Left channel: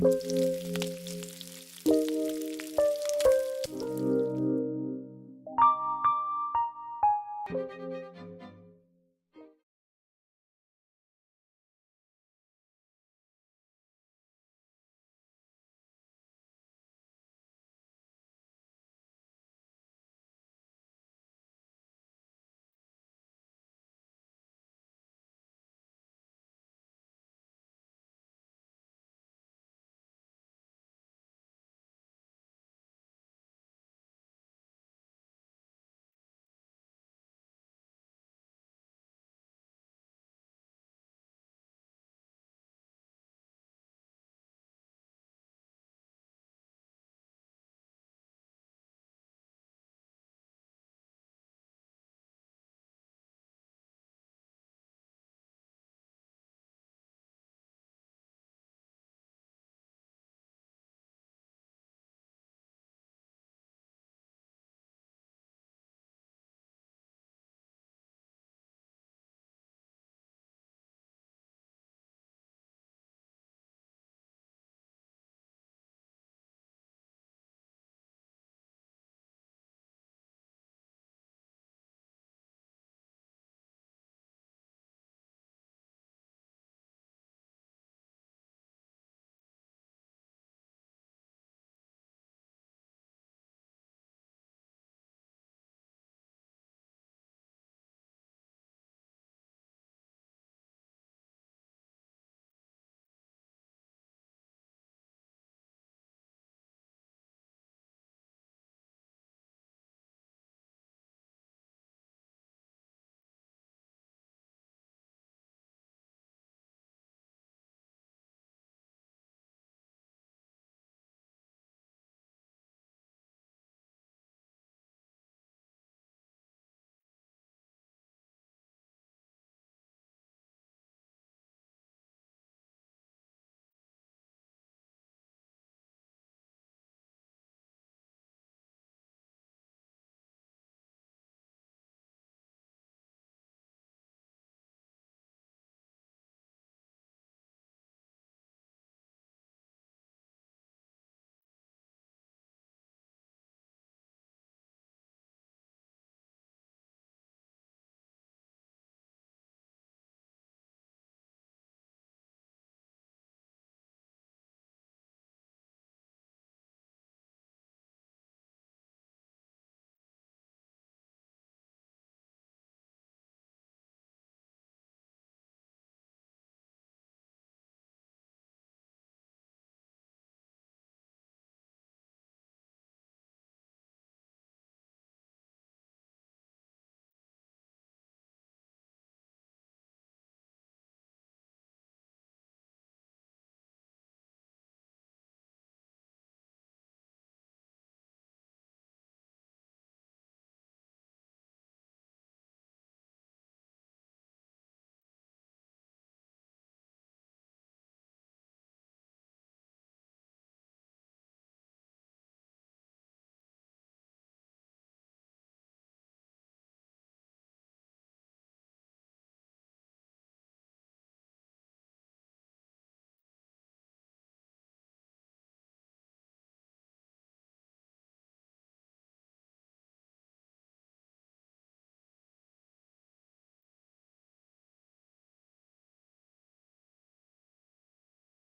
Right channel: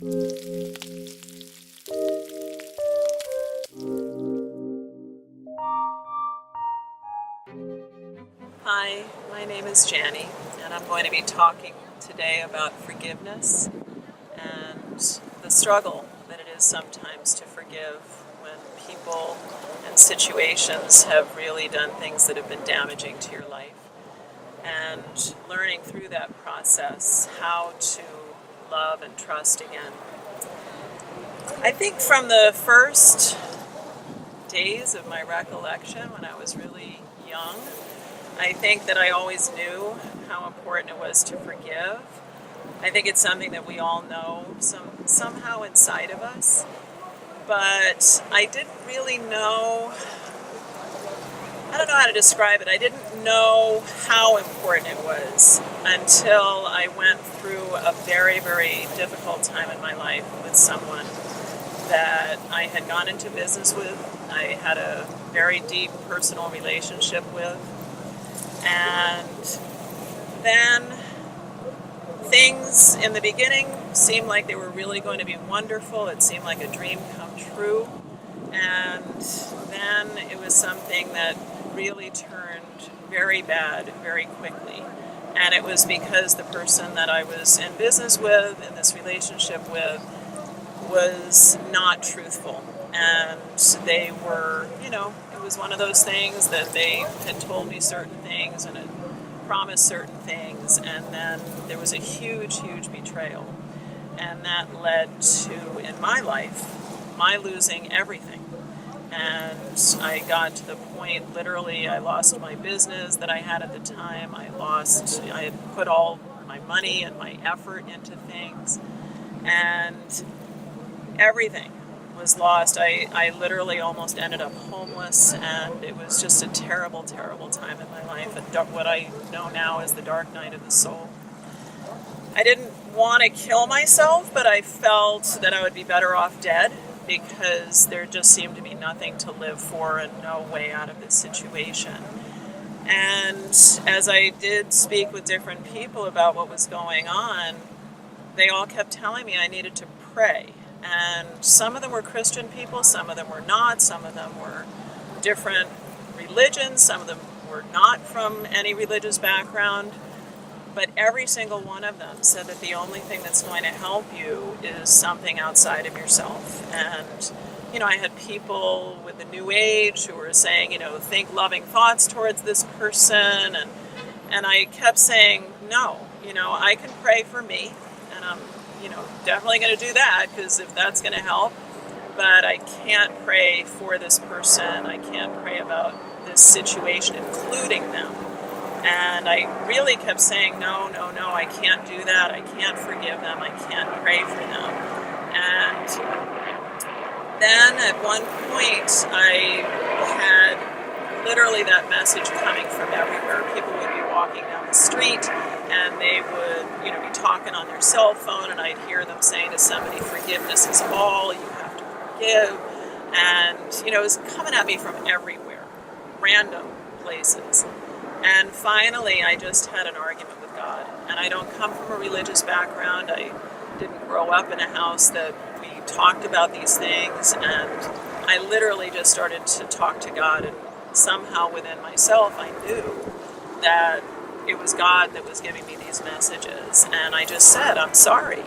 Hi, my name is Jannie, and I'm going to be talking today about forgiveness and the struggle that it is sometimes to forgive when people and situations have really done things that have been damaging to your life, and learning through that process how to love and trust again. I think from the first days of my recollection when I was really young, I think that I always knew how important it was to forgive. I think it's something that we all know somehow inside of us. But I didn't really know, I don't know how to describe it. I didn't know how important it was until I went through a very, very difficult time in my life with someone that I had gone into business with. I had a very deep personal relationship with. And then things in the beginning seemed like they were really going to be wonderful. It seemed like a dream come true. And then it was something that really turned very bad very quickly. And it was because the person that I was in business with, in this relationship with, was not truthful. And they were, it was one of those things that they had told me certain things and had promised certain things, and then there was a huge, huge betrayal. And that led to, in my life, my losing everything. And I got to the point, literally, I lost my business that I had at the time. I had put all my money and my effort into things, and everything was lost. I literally almost ended up homeless, and it was just a terrible, terrible time in my life. What I know now is the dark night of the soul. I didn't want to kill myself, but I felt that I would be better off dead because there just seemed to be nothing to live for and no way out of this situation. And as I did speak with different people about what was going on, they all kept telling me I needed to pray. And some of them were Christian people, some of them were not, some of them were different religions, some of them were not from any religious background, but every single one of them said that the only thing that's going to help you is something outside of yourself. And, I had people with the New Age who were saying, think loving thoughts towards this person, and I kept saying, no, I can pray for me, and I'm definitely going to do that, because if that's going to help, but I can't pray for this person. I can't pray about this situation, including them. And I really kept saying, no, I can't do that. I can't forgive them. I can't pray for them. And then at one point, I had literally that message coming from everywhere. People would be walking down the street, and they would, be talking on their cell phone, and I'd hear them saying to somebody, forgiveness is all, you have to forgive. And, it was coming at me from everywhere, random places. And finally, I just had an argument with God. And I don't come from a religious background. I didn't grow up in a house that we talked about these things. And I literally just started to talk to God, and somehow within myself, I knew that it was God that was giving me these messages. And I just said, I'm sorry.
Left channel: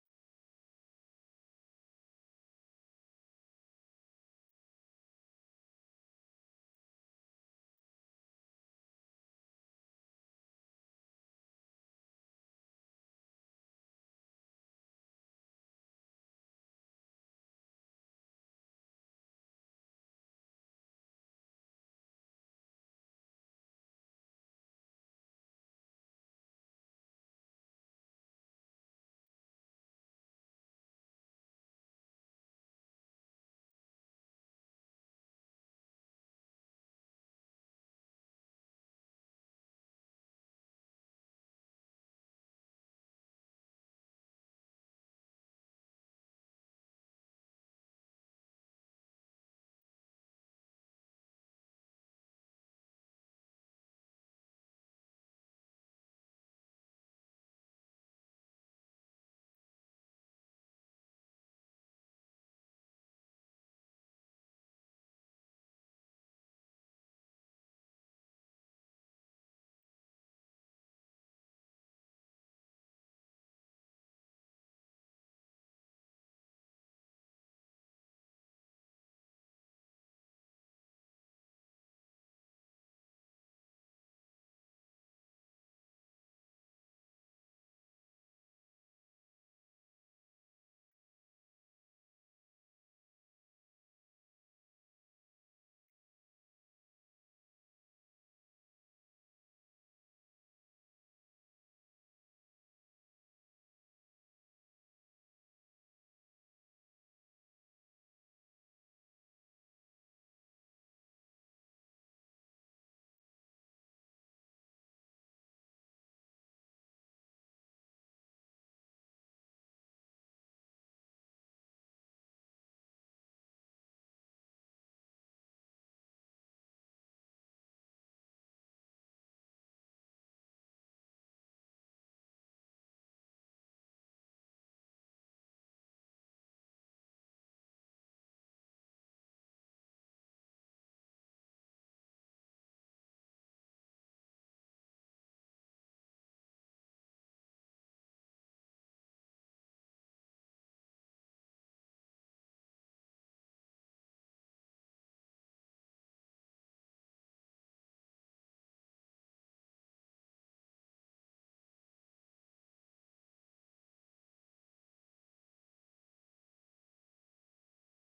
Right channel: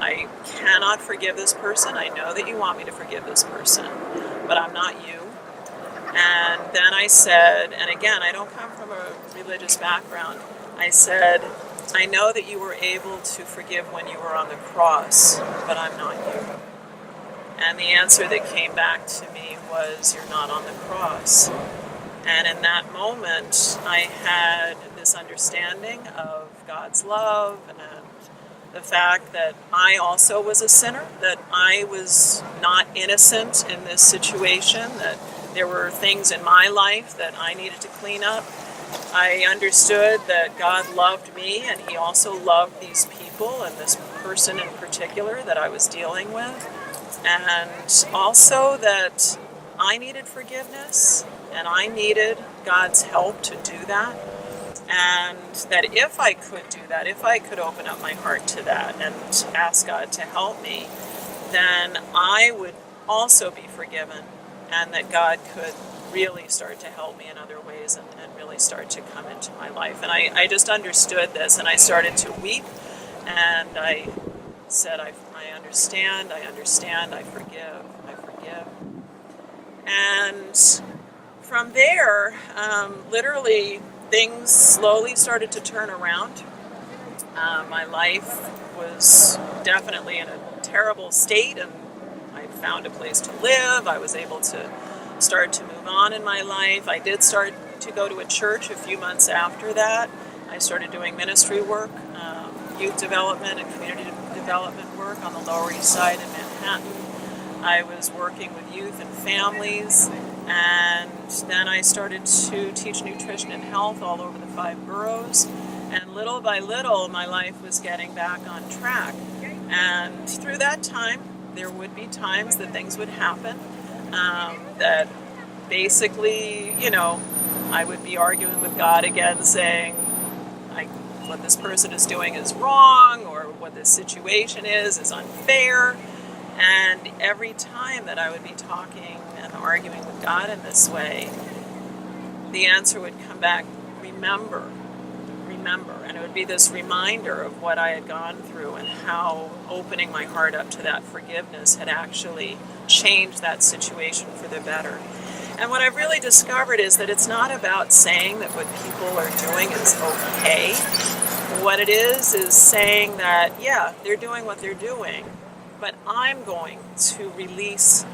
I cannot forgive this person. I know that you want me to forgive this person, but I'm not you. And then I said, and again, I don't come from a religious background, I said, I know that you were able to forgive when you were on the cross, but I'm not you. And the answer that came back to me was, you're not on the cross. And in that moment, I had this understanding of God's love and the fact that I also was a sinner, that I was not innocent in this situation, that there were things in my life that I needed to clean up. I understood that God loved me, and He also loved these people and this person in particular that I was dealing with. And also that I needed forgiveness, and I needed God's help to do that. And that if I could do that, if I could open up my heart to that and ask God to help me, then I would also be forgiven, and that God could really start to help me in other ways and really start to come into my life. And I just understood this, and I started to weep, and I said, I understand, I forgive, I forgive. And from there, literally, things slowly started to turn around. My life was definitely in a terrible state, and I found a place to live. I was able to start to move on in my life. I did start to go to a church a few months after that. I started doing ministry work, youth development and community development work on the Lower East Side in Manhattan. I was working with youth and families, and then I started to teach nutrition and health all over the 5 boroughs. And little by little, my life was getting back on track. And through that time, there would be times that things would happen that basically, I would be arguing with God again, saying, what this person is doing is wrong, or what this situation is unfair. And every time that I would be talking and arguing with God in this way, the answer would come back, remember. And it would be this reminder of what I had gone through and how opening my heart up to that forgiveness had actually changed that situation for the better. And what I've really discovered is that it's not about saying that what people are doing is okay. What it is saying that, yeah, they're doing what they're doing, but I'm going to release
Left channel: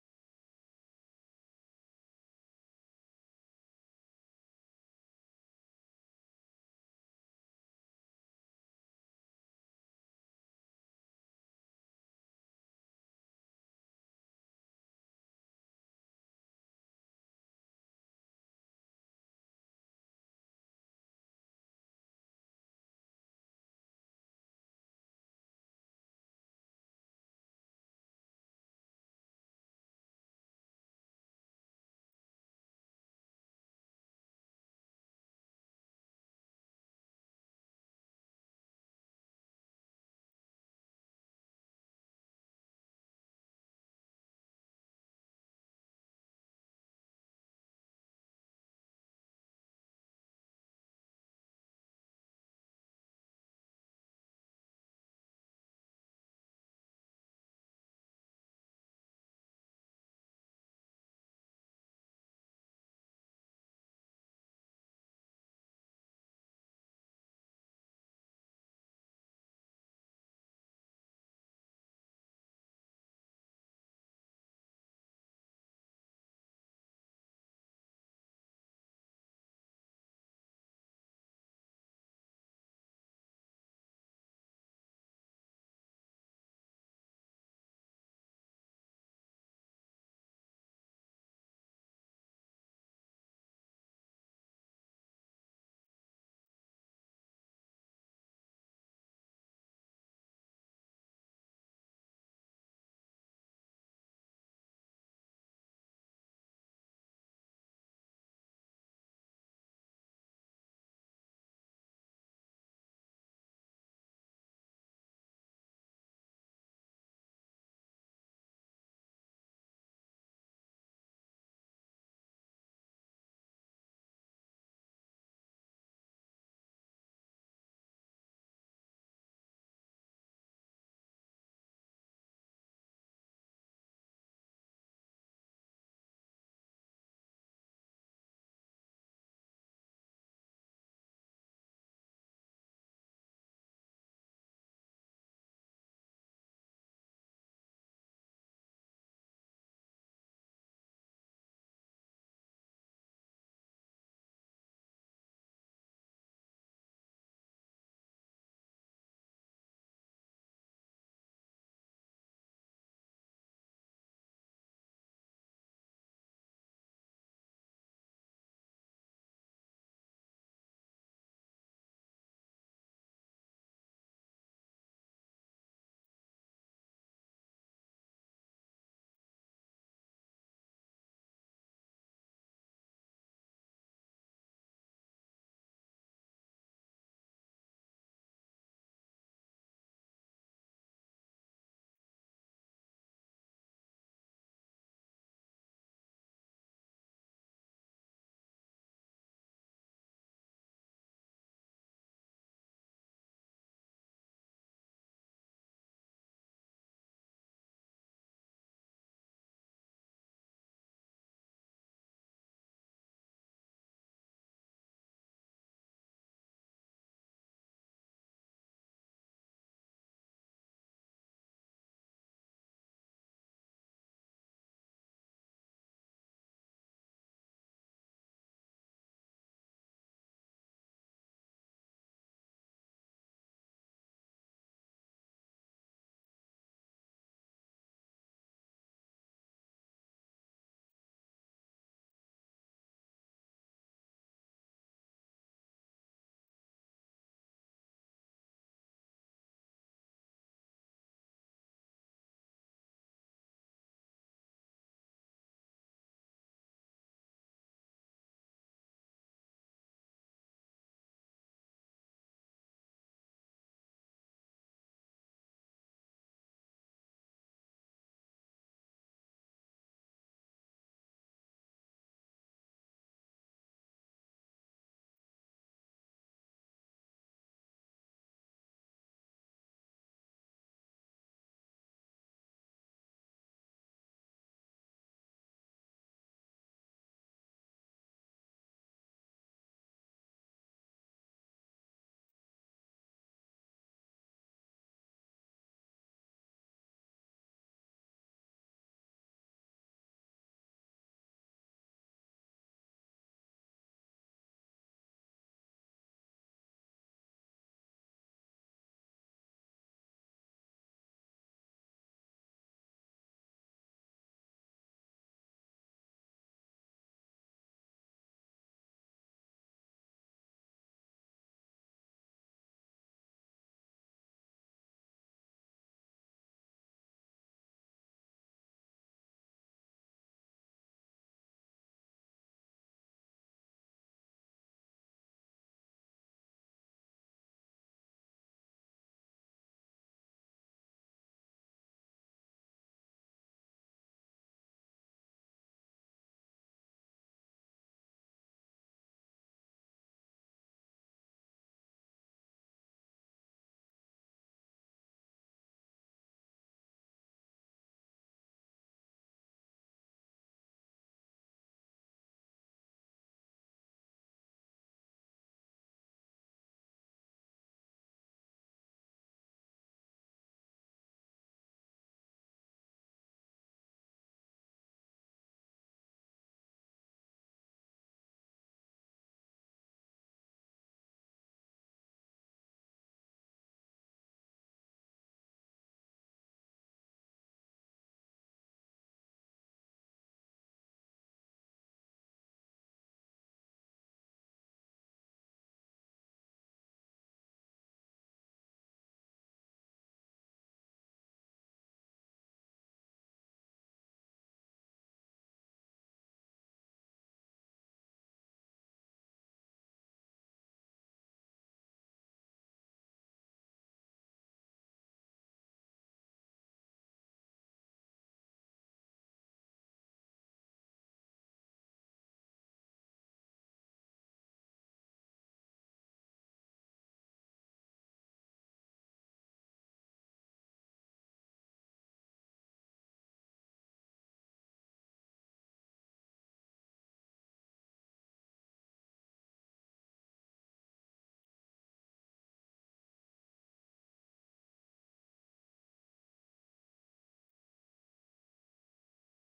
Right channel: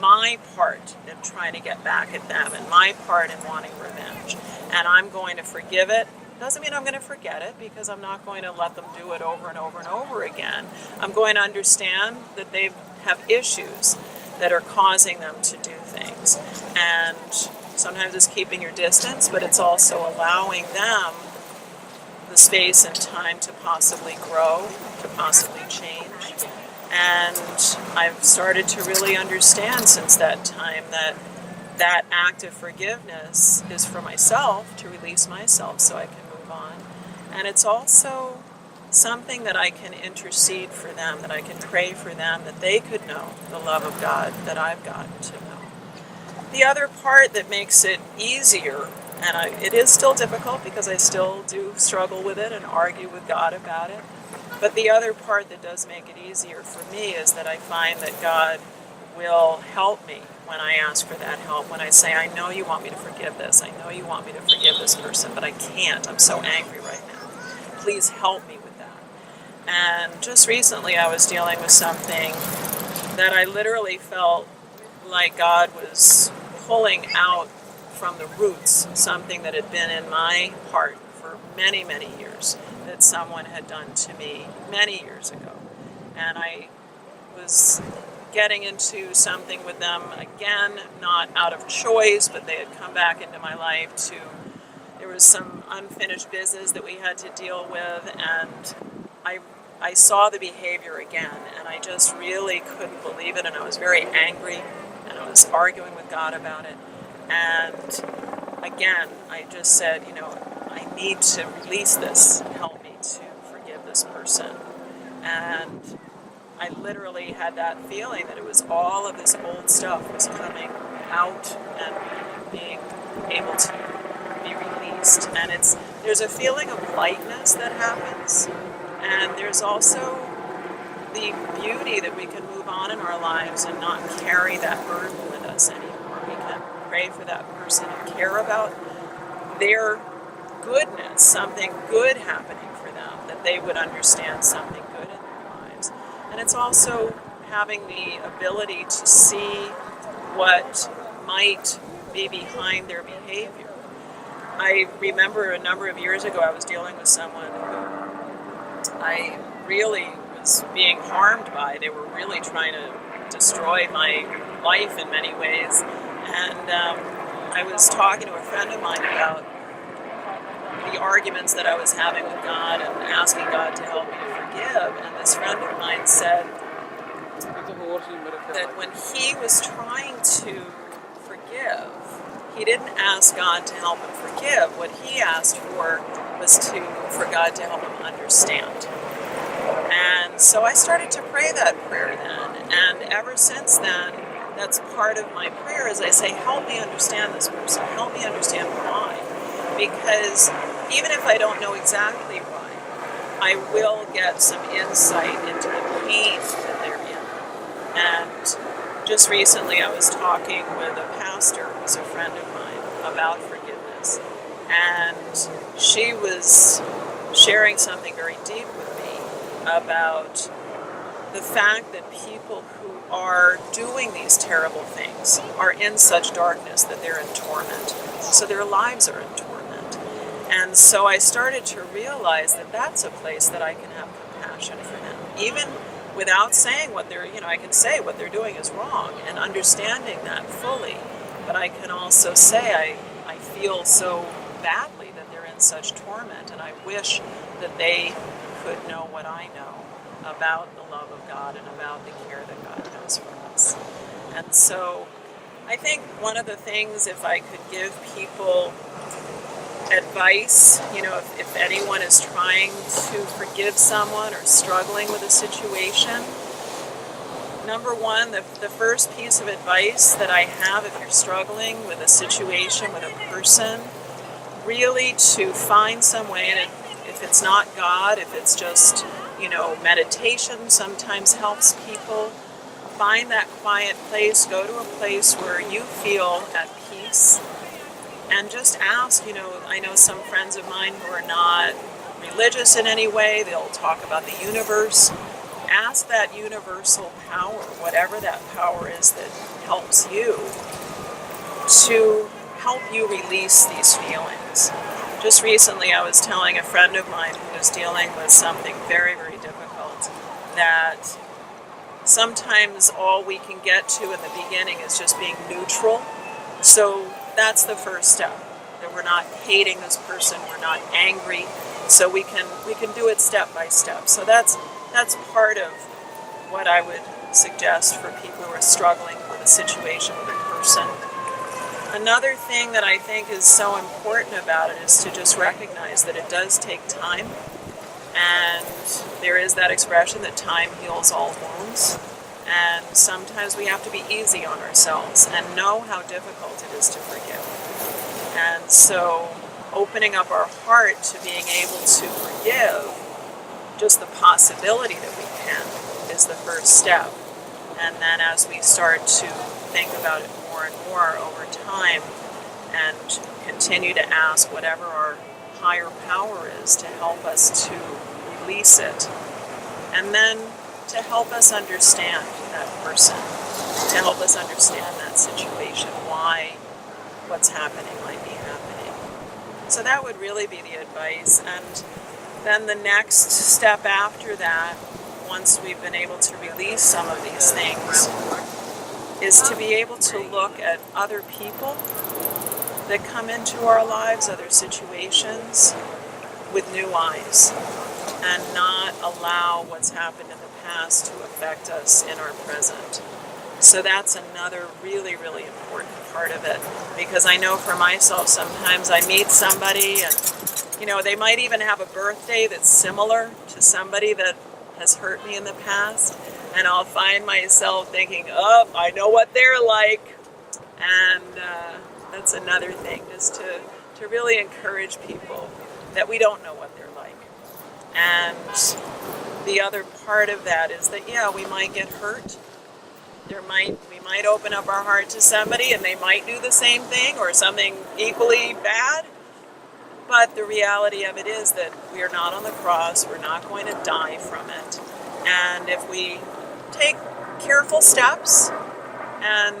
my part in trying to get back at them and my part in wanting revenge. And I'm going to forgive it. Doesn't mean I'm going to forget it, because I'm not going to let them do it over and over and over again. I'm going to understand that they have issues that are causing them to do things. And sometimes it's keeping your distance, but it's also allowing them the space and time to possibly grow, to possibly change. And I've started to really understand since that time that act of forgiveness is for myself, to release myself so I can move on. And it's also something that I can intercede for them, that I can pray for them, that they could know the love of God that I've gotten to know. The other part that makes it easier, and it is still difficult because I still do struggle with it and argue with God about it, but the other part that does make it easier for me is that I find that God will help me when I ask for that help, when I say, I know you want me to forgive this, I know you want me to forgive this person, but I can't, I'm so angry right now. Please help me with that. And just recently I was dealing with something that I literally felt like God was pulling out from the roots, something that had been in my heart for many, many years, that someone had done to me many years ago. And I was getting into something with them again, not out of choice, but they had come back into my life there was some unfinished business that we had to deal with, and I saw the behavior again, and I just really couldn't believe it, and I was very angry, and I was arguing with God about it. And again, I just said, I need to release this, help me to forgive this person. And I literally had that feeling that it was all of this old stuff was coming out and being able to be released. And there's a feeling of lightness that happens, and there's also the beauty that we can move on in our lives and not carry that burden with us anymore. We can pray for that person and care about their goodness, something good happening for them, that they would understand something good in their lives. And it's also having the ability to see what might be behind their behavior. I remember a number of years ago I was dealing with someone who I really was being harmed by. They were really trying to destroy my life in many ways. And I was talking to a friend of mine about the arguments that I was having with God and asking God to help me to forgive. And this friend of mine said that when he was trying to forgive, he didn't ask God to help him forgive. What he asked for was for God to help him understand. And so I started to pray that prayer then. And ever since then, that's part of my prayer is I say, help me understand this person. Help me understand why. Because even if I don't know exactly why, I will get some insight into the pain that they're in. And just recently I was talking with a pastor who's a friend of mine about forgiveness. And she was sharing something very deep with me about the fact that people who are doing these terrible things are in such darkness that they're in torment. So their lives are in torment. And so I started to realize that that's a place that I can have compassion for them. Even without saying what they're, I can say what they're doing is wrong and understanding that fully. But I can also say I feel so badly that they're in such torment, and I wish that they could know what I know about the love of God and about the care that God has for us. And so I think one of the things, if I could give people advice, if anyone is trying to forgive someone or struggling with a situation, number one, the first piece of advice that I have if you're struggling with a situation, with a person, really to find some way, and if it's not God, if it's just, meditation sometimes helps people. Find that quiet place, go to a place where you feel at peace, and just ask, I know some friends of mine who are not religious in any way, they'll talk about the universe. Ask that universal power, whatever that power is that helps you, to help you release these feelings. Just recently I was telling a friend of mine who was dealing with something very, very difficult that sometimes all we can get to in the beginning is just being neutral. So that's the first step, that we're not hating this person, we're not angry, so we can do it step by step. So that's part of what I would suggest for people who are struggling with a situation, with a person. Another thing that I think is so important about it is to just recognize that it does take time, and there is that expression that time heals all wounds, and sometimes we have to be easy on ourselves and know how difficult it is to forgive. And so opening up our heart to being able to forgive, just the possibility that we can, is the first step. And then as we start to think about it more and more over time and continue to ask whatever our higher power is to help us to release it, and then to help us understand that person, to help us understand that situation, why what's happening might be happening. So that would really be the advice. And then the next step after that, once we've been able to release some of these things, is to be able to look at other people that come into our lives, other situations, with new eyes, and not allow what's happened in the past to affect us in our present. So that's another really, really important part of it, because I know for myself sometimes I meet somebody and they might even have a birthday that's similar to somebody that has hurt me in the past, and I'll find myself thinking, I know what they're like. And that's another thing, just to really encourage people that we don't know what they're like. And the other part of that is that, we might get hurt. We might open up our heart to somebody and they might do the same thing or something equally bad. But the reality of it is that we are not on the cross. We're not going to die from it. And if we take careful steps and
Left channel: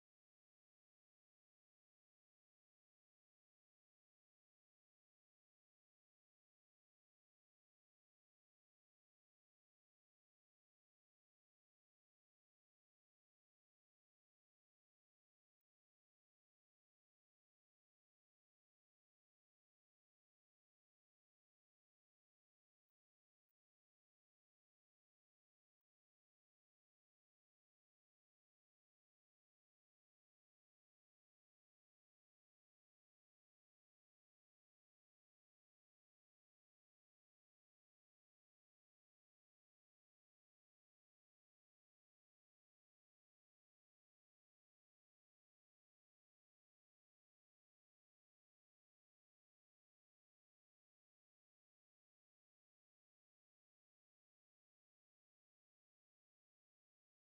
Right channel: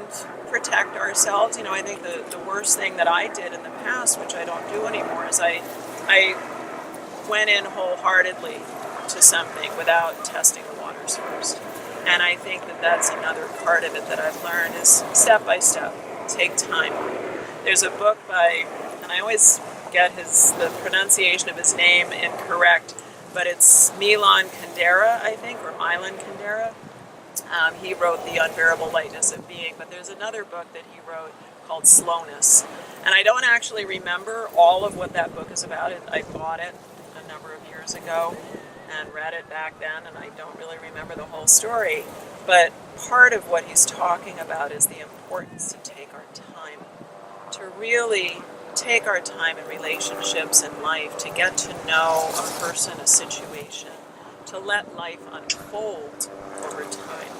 protect ourselves, I think the worst thing that I did in the past, which I don't do anymore, is I went in wholeheartedly to something without testing the waters first. And I think that that's another part of it that I've learned is step by step, take time. There's a book by, and I always get the pronunciation of his name incorrect, but it's Milan Kundera, I think, or Milan Kundera. He wrote The Unbearable Lightness of Being, but there's another book that he wrote called Slowness. And I don't actually remember all of what that book is about. I bought it a number of years ago and read it back then, and I don't really remember the whole story. But part of what he's talking about is the importance to take our time, to really take our time in relationships and life, to get to know a person, a situation, to let life unfold over time.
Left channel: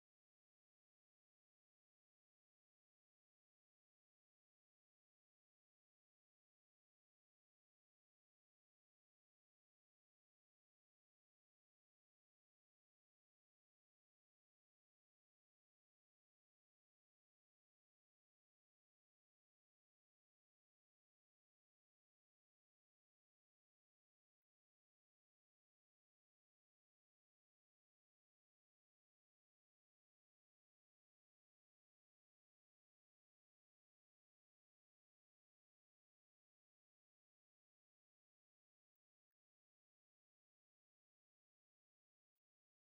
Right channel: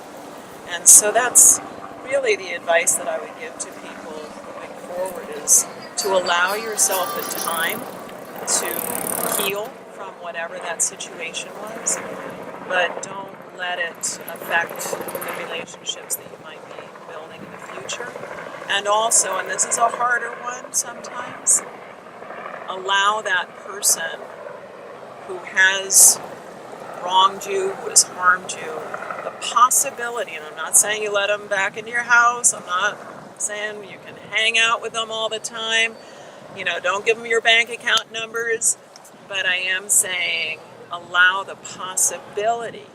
And so that's really the advice that I would give to people moving forward, is to allow yourself the time to heal from whatever that situation was, but don't let it affect the relationships that you might be building in the future. And also, and this is a harder one sometimes, allow that person who has wronged you, who has harmed you, the possibility, and I'm not saying you let them back into your house, I'm not saying you can hang out with them all the time, don't give them your bank account numbers, but I am saying allow the possibility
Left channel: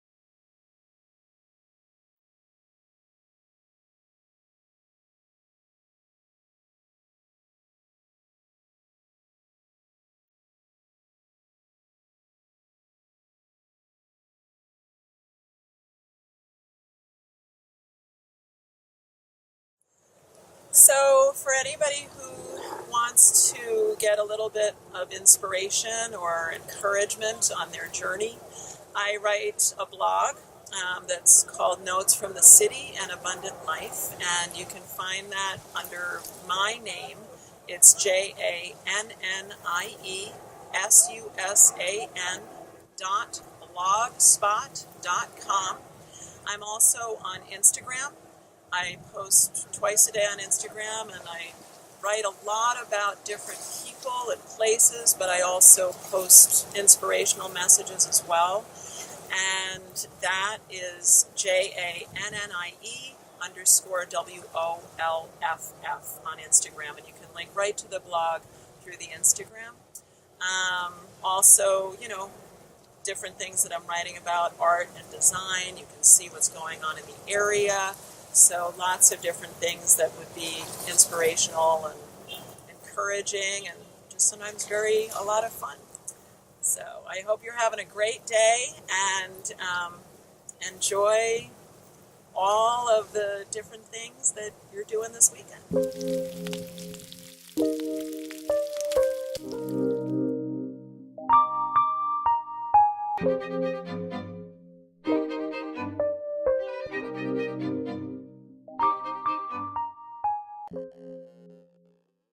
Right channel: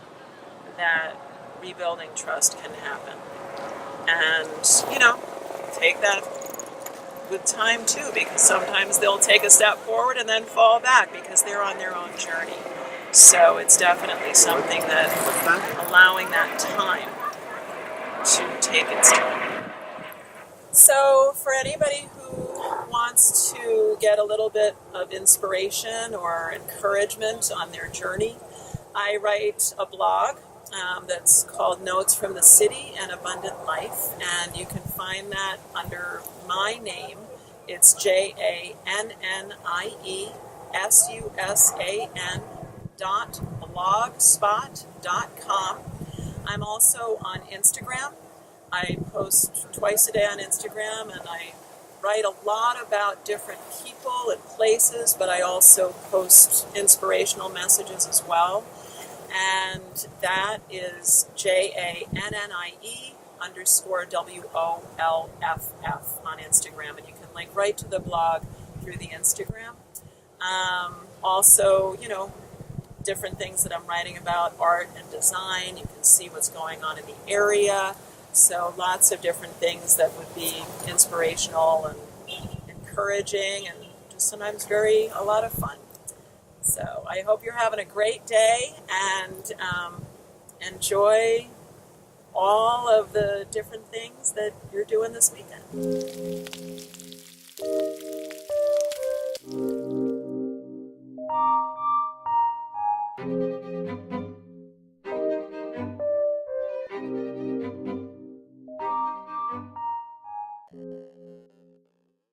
that rebuilding trust can happen. And, take that with time too, because sometimes they'll take a step forward and then fall back because they're on their own journey. So it's definitely something that allowing that time to take its time. So for anybody who wants to get a little bit of inspiration or encouragement on their journey, I write a blog that's called Notes from the City and Abundant Life, and you can find that under my name. It's JannieSusan.blogspot.com. I'm also on Instagram. I post twice a day on Instagram, and I write a lot about different people and places, but I also post inspirational messages as well. And that is JANNIE_WOLFF on Instagram. And you can link right to the blog through the Instagram. Also, different things that I'm writing about, art and design. You can see what's going on in the area. So lots of different things that would be inspirational and encouraging and just sometimes a lot of fun. So I hope you're having a great day and enjoy all of the different things that you're doing this weekend.